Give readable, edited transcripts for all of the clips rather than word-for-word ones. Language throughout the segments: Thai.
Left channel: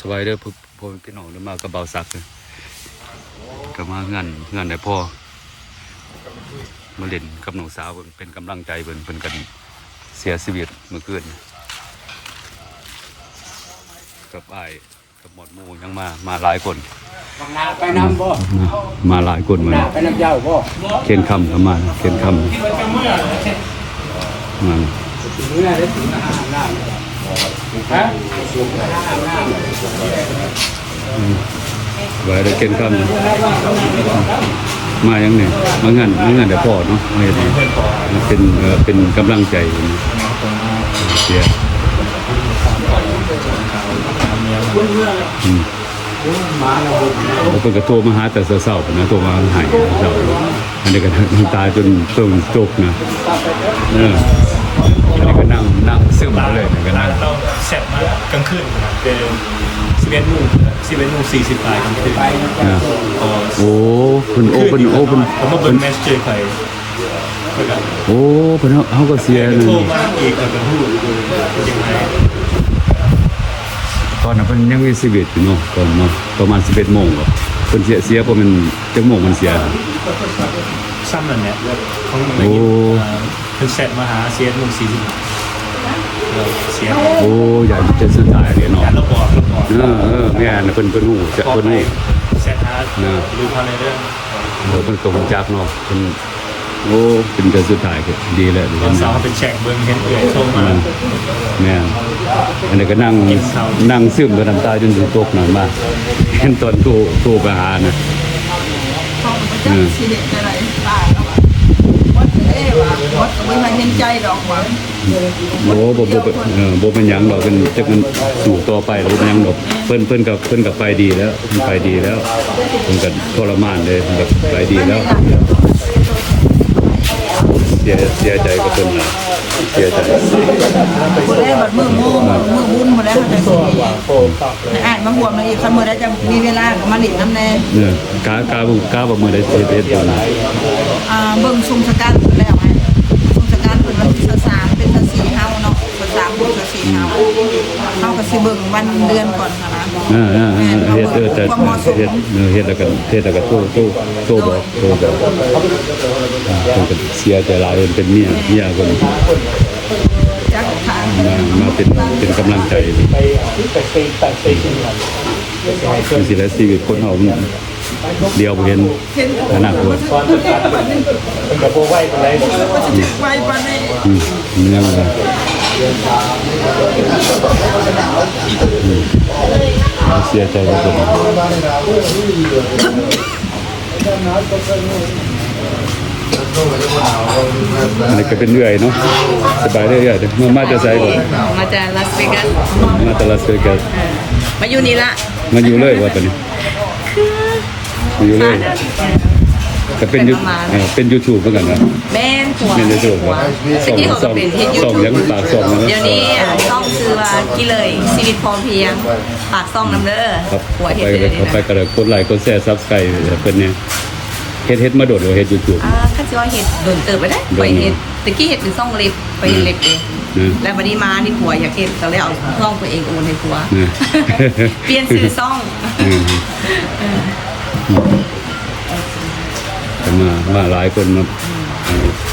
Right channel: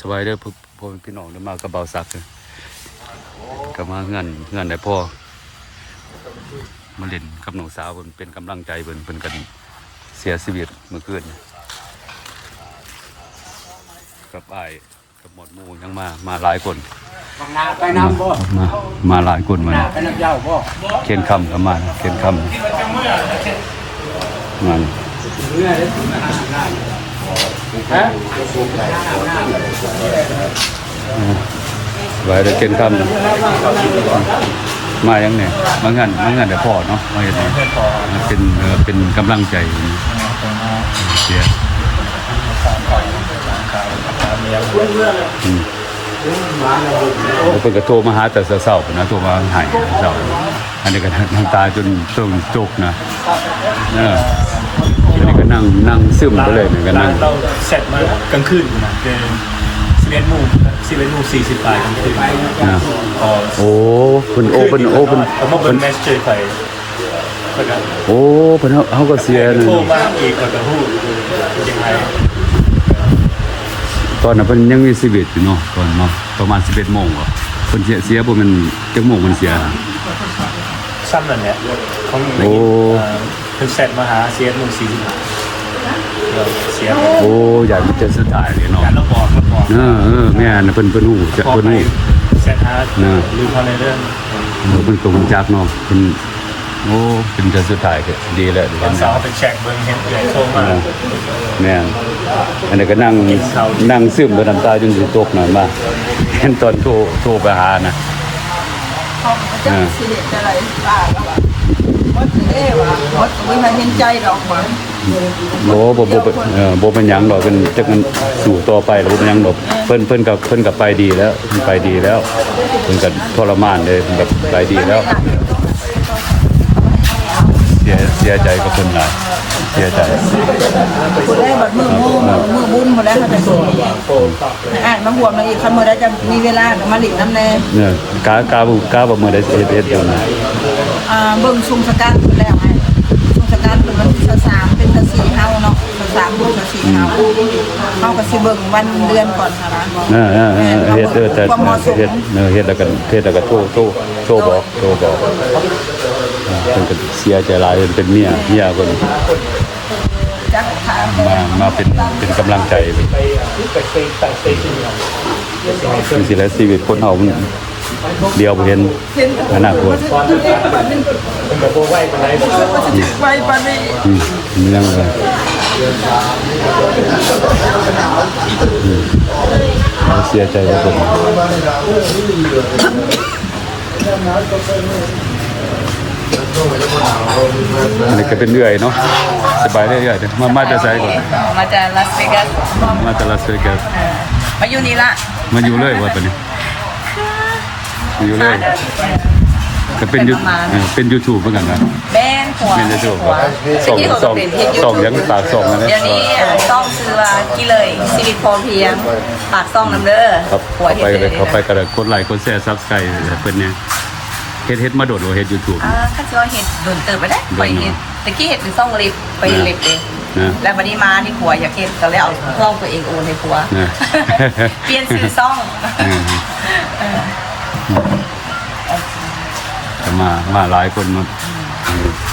สบายเด้อพ่อพี่น้องเด้อมากระเบาซักเลยก็มาเงินได้พ่อมาเล่นกับน้องสาวเพิ่นเป็นกำลังใจเพิ่นกันเสียชีวิตเมื่อคืนกับอ้ายกับหมดหมู่ยังมาหลายคนไปน้ำบ่มาหลายคนมาเขียนคำกับมาเขียนคำมันไว้ได้เขียนคำมายังเนี่ยมางานเดี๋ยวพอเนาะมาอย่างนี้เป็นกำลังใจเชียร์เป็นกระโทรมาหาแต่เศร้าๆนะโทรมาหายเศร้าอันนี้ก็น้ำตาจนจบนะอันนี้ก็นั่งซึมไปเลยก็นั่งเราเสร็จมากลางคืนนะเป็น11:40กลางคืนโอ้เป็นแมสเจอใครโอ้เป็นเขาก็เสียนะโทรมาอีกกับหูยังไงตอนนั้นเป็นยังมีชีวิตอยู่เนาะตอนเนาะประมาณ11 โมงเหรอเป็นเสียบ่มันจังโมงมันเสียซ้ำนั่นแหละของเพิ่งเสร็จมาหา11:40เสียโอ้อยากจะสุดท้ายเลยเนาะแล้วบอกแม่น่ะเพิ่นฮู้จักเพิ่นฮู้เสร็จหาลืมเขาในเรื่องเพิ่นคงจักเนาะเพิ่นโอ้เป็นจะสุดท้ายก็ดีแล้วตอนเช้าเป็นแช็คเบิ่งเห็นโทรมาแม่อันนี้ก็นั่งซึมบ่น้ำตาจนสิตกน่ะมาเห็นตอนโทรไปหานะสิเด็ดอะไรตายแล้ววัดเอ้ว่ะวัดไม่มาเห็นใจดอกหวังบ่เป็นหยังดอกเป็นจักมันสู่ต่อไปแล้วบ่เป็นหยังดอกเพิ่นกับไปดีแล้วเพิ่นไปดีแล้วเพิ่นก็ทรมานเลยเพิ่นกับไปดีแล้วเสียใจกับเพิ่นหลายเสียใจคนได้แบบมือบุญหมดแล้วเขาจะสวยอ่านมาห่วงเลยอีกคำมือได้จะมีเวลากับมาหลินน้ำแน่เนี่ยกาบ่มือได้เฮ็ดบุญเบิ่งทรงสกัดแล้วไงทรงสกัดเป็นวันที่3เป็น14เฮาเนาะ13เป็น14เฮาก็สิเบิ่งวันเดือนก่อนค่ะนะเฮ็ดแต่เฮ็ดแล้วก็โทรบอกเพิ่นก็เสียใจหลายเป็นเมียเพิ่นมาเป็นกำลังใจคือสิแล้วชีวิตคนเฮามันเดียวบ่เห็นอนาคตไปปานนี้มันยังเลยเสียใจกับผมอันนี้ก็เป็นเรื่อยเนาะสบายเรื่อยๆมาจะใส่ก่อนมาจากลาสเวกัสมาอยู่นี่ละมาอยู่เลยว่าตอนนี้มาอยู่เลยก็เป็นYouTubeเหมือนกันนะแม่นหัวที่เขาเป็นเฮ็ด YouTube ยังปากส่งเดี๋ยวนี้ต้องซื้อว่ากี่เลยชีวิตพอเพียงปากซ่องน้ำเด้อหัวเฮ็ดเลยเขาไปกระกดไลค์กดแชร์ Subscribe เพิ่นเนี่ยเฮ็ดมาโดดเฮ็ด YouTube ข้าจะว่าเฮ็ดโดนเติบไปได้ไปเฮ็ดตะกี้เฮ็ดเป็นซ่องเล็บไปเล็บเองแล้ววันนี้มานี่ผัวอยากเฮ็ดก็เลยเอาซ่องตัวเองโอนให้ผัวเปลี่ยนชื่อซ่องมาหลายคนมา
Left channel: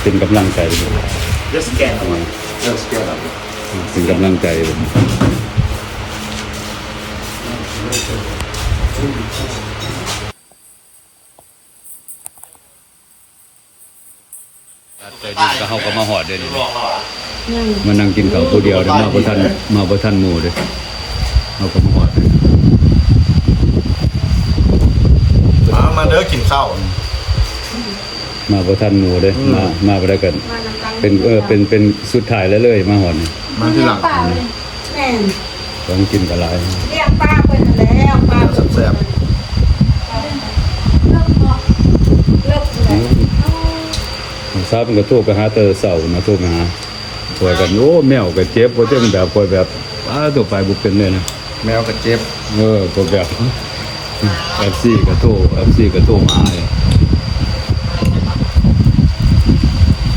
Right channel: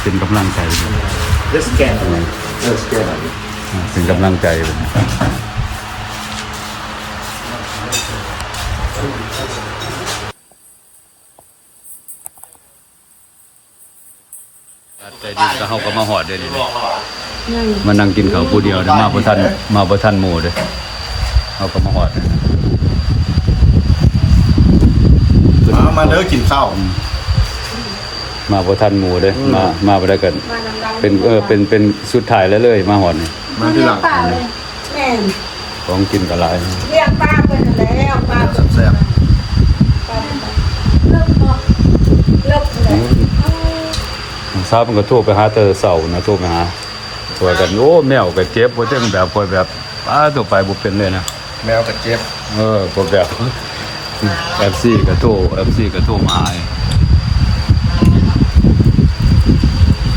เป็นกำลังใจเป็นกำลังใจใจดีก็เขาก็มาหอดเดี๋ยวนี้มานั่งกินข้าวผู้เดียวเดี๋ยวมาบ่ทันหมู่เด้อเขาก็มาหอดมาเด้อกินข้าวมาบ่ทันหมู่เด้มาบ่ได้กันเป็นสุดท้ายแล้วเลยมาหอดนี่มาที่หลังของกินก็หลายเรียกป้าเพิ่นแล้วป้าแซ่บทราบมันก็โทรไปหาเตอเสานะโทรไปหาตัวกันโอ้แมวก็เจ็บบ่จังแบบคอยแบบตัวไปบ่เป็นเลยนะแมวก็เจ็บก็แบบ FC ก็โทรมา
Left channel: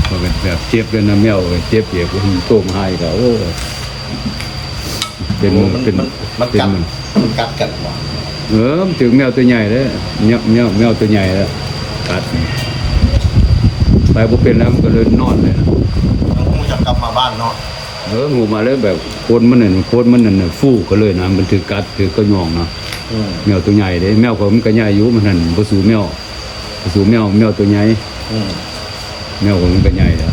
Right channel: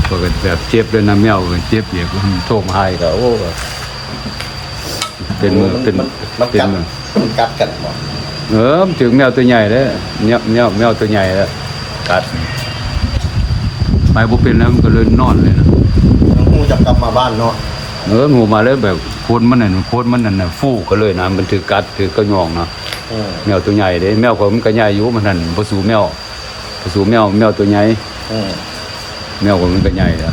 ก็แบบเจ็บเลยนะแมวก็เจ็บโทรมาให้ก็โอ้ เป็นมือเป็น มัน เป็น กัด มือ มันกัดกันบ่ มันถึงแมวตัวใหญ่เลยแมวตัวใหญ่แล้วกัดไปพอเป็นแล้วมันก็เลยนอนเลยนะ งูจับกลับมาบ้านเนาะ งูมาแล้วแบบโคนมันน่ะฟูก็เลยนะมันถือกัดถือกระยองนะแมวตัวใหญ่เด้แมวก็มันก็ใหญ่อยู่มันนั่นบ่สู้แมวตัวใหญ่แมวก็มันก็ใหญ่แล้ว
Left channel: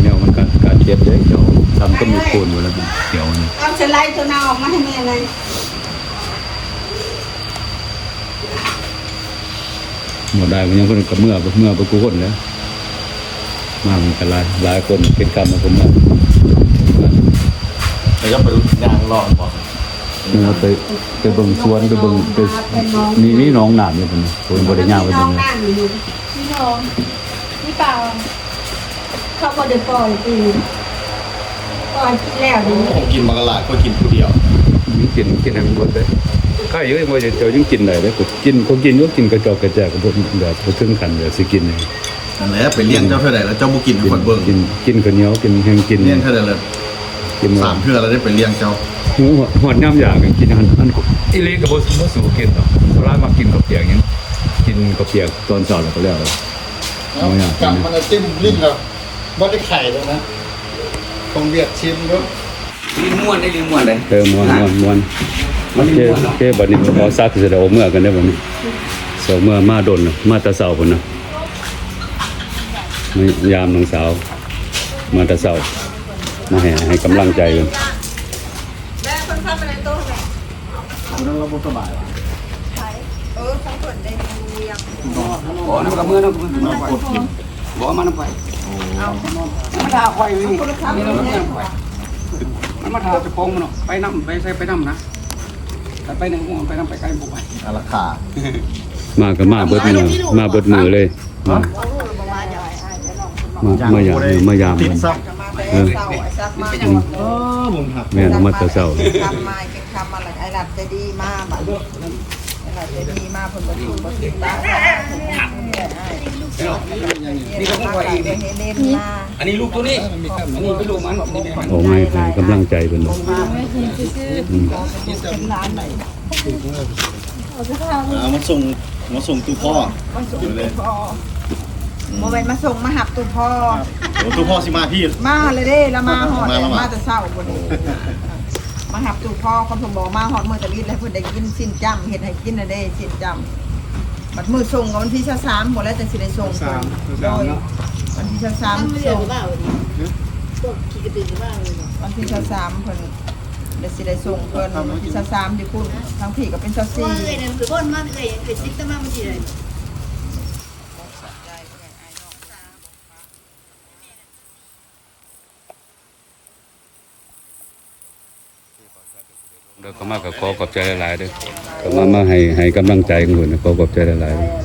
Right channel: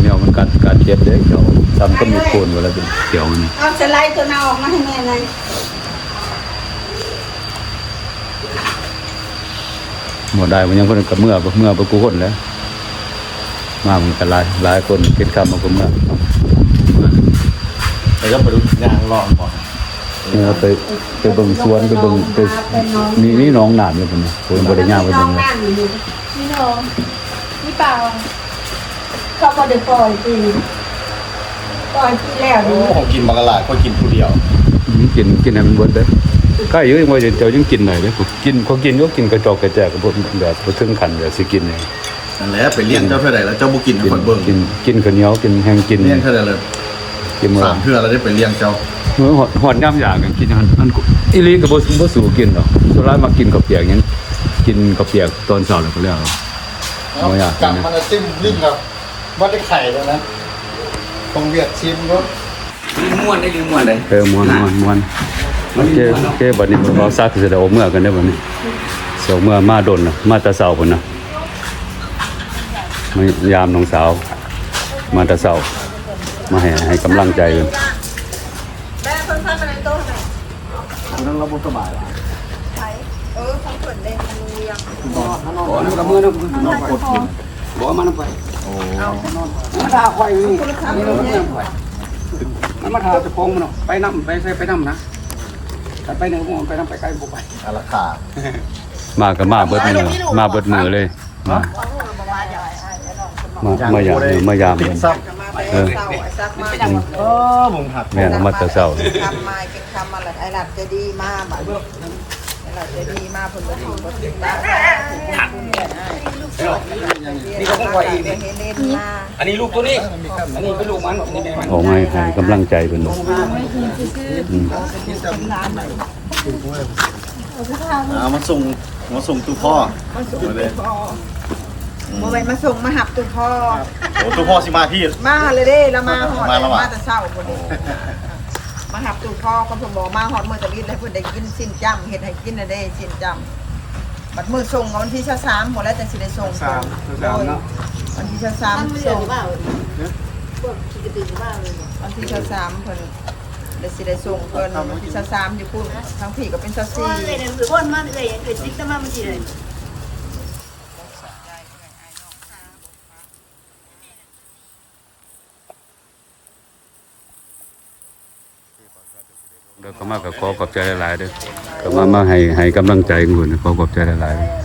แมวมันกัดเจ็บเด้เดี๋ยวทำก็มีโคนหมดแล้วเดี๋ยวนี่ เอาสไลด์ตัวนาออกมาให้แม่หน่อย หมดได้มันยังคนกับเมื่อประกูคนแล้วมามันกันหลายคนกินข้าวมาคนมา แล้วไปยางรอบ่ ไปเบิ่งสวนไปเบิ่งไปนี่น้องหนามอยู่พุ่นน่ะคนบ่ได้ย่างไปเบิ่งเลย นี่น้องนี่เปล่าเขาก็เดือดปล่อยปีแล้ว โอ้ของกินมากระลาดก็กินผู้เดียว กินให้มันเบิดเลยใกล้อยู่ว่าเจ้ายังกินได้เลยเขากินอยู่กินกระจอกกระแจกกับพวกแบบบ่ถึงขั้นแบบสิกินเลย นั่นแหละไปเลี้ยงเจ้าเท่าไหร่แล้วเจ้าบ่กินให้คนเบิ่ง กินข้าวเหนียวกินแห้งกิน เลี้ยงเท่าไหร่เลย กินมื้อ 3เทื่อแล้วได้ไปเลี้ยงเจ้า หอดย่ำอยากกินอันอีลีก็บ่สู่กินหรอกสุดท้ายมากินกับเปียกหยังกินกับเปียกตอนเช้าแล้วก็แล้วบ่อยาก กลับมันติ้มลิ้นครับบ่ได้ไข่แล้วนะต้องเวียดชิมเนาะ ม่วนได้ดีม่วนเลย ม่วนโอเคบัดนี้เราซักสิได้เอาเมื่อกันได้บัดนี้เช้าเมื่อมาดนน่ะมาแต่เช้าพุ่นน่ะมายามน้องสาวมาแต่เช้ามาให้กำลังใจกัน แม่คนพักไปในโต๊ะทำไม นั่งเราบ่สบาย ของเปิดได้มือเรียง บอกมันกับมือนะผมนอนกดอยู่บอกมันไปมันทาควายนี่มันมาทาจะพงมันไปน้ำไปน้ำนะไปหนึ่งไปน้ำไปไกลบุกไป อาราคา มาก็มาเบิดมือเลยมายาม ติ กั ด น ซับ เออ ผมหัก แม่นมาแต่เช้า คำมาเป็นคำอะไรไอ้หลัดจะดีมากแบบไอ้หลัดจะดีมากผมก็ดีผมก็ดีนี่ก็คงไว้อีกนี่อันนี้ลูกตัวนี้อันนี้เป็นลูกมันอันนี้แม่มัน ออกมาให้กำลังใจเพิ่นอืม มาส่งตู้พ่อเลย มาไปมาส่งมาหับตุพ่อ โอ้ตู้พ่อสิมาพี่ มาเลยเด้แล้วมาหอด มาแล้วว่ะ มาแต่เช้าคนนี้มาหับตุพ่อคนผมบอกมาหอดมือตะลิดเลยเพื่อนได้กินสิ้นจำเห็ดให้กินนะเด้สิ้นจำบัดมือส่งกับวันที่23หมดแล้วแต่สิได้ส่งก่อนวันที่23ส่งวันที่23เพิ่นเดี๋ยวสิได้ส่งเพิ่นวันที่23อยู่พูดทั้งพี่ก็เป็น24 เลยเนี่ยหรือว่ามันเลยติ๊กตะมามันจีเลย เดี๋ยวก็มากับขอขอบใจหลายๆเด้อก็มาให้กำลังใจหมู่นะขอขอบใจหลายๆ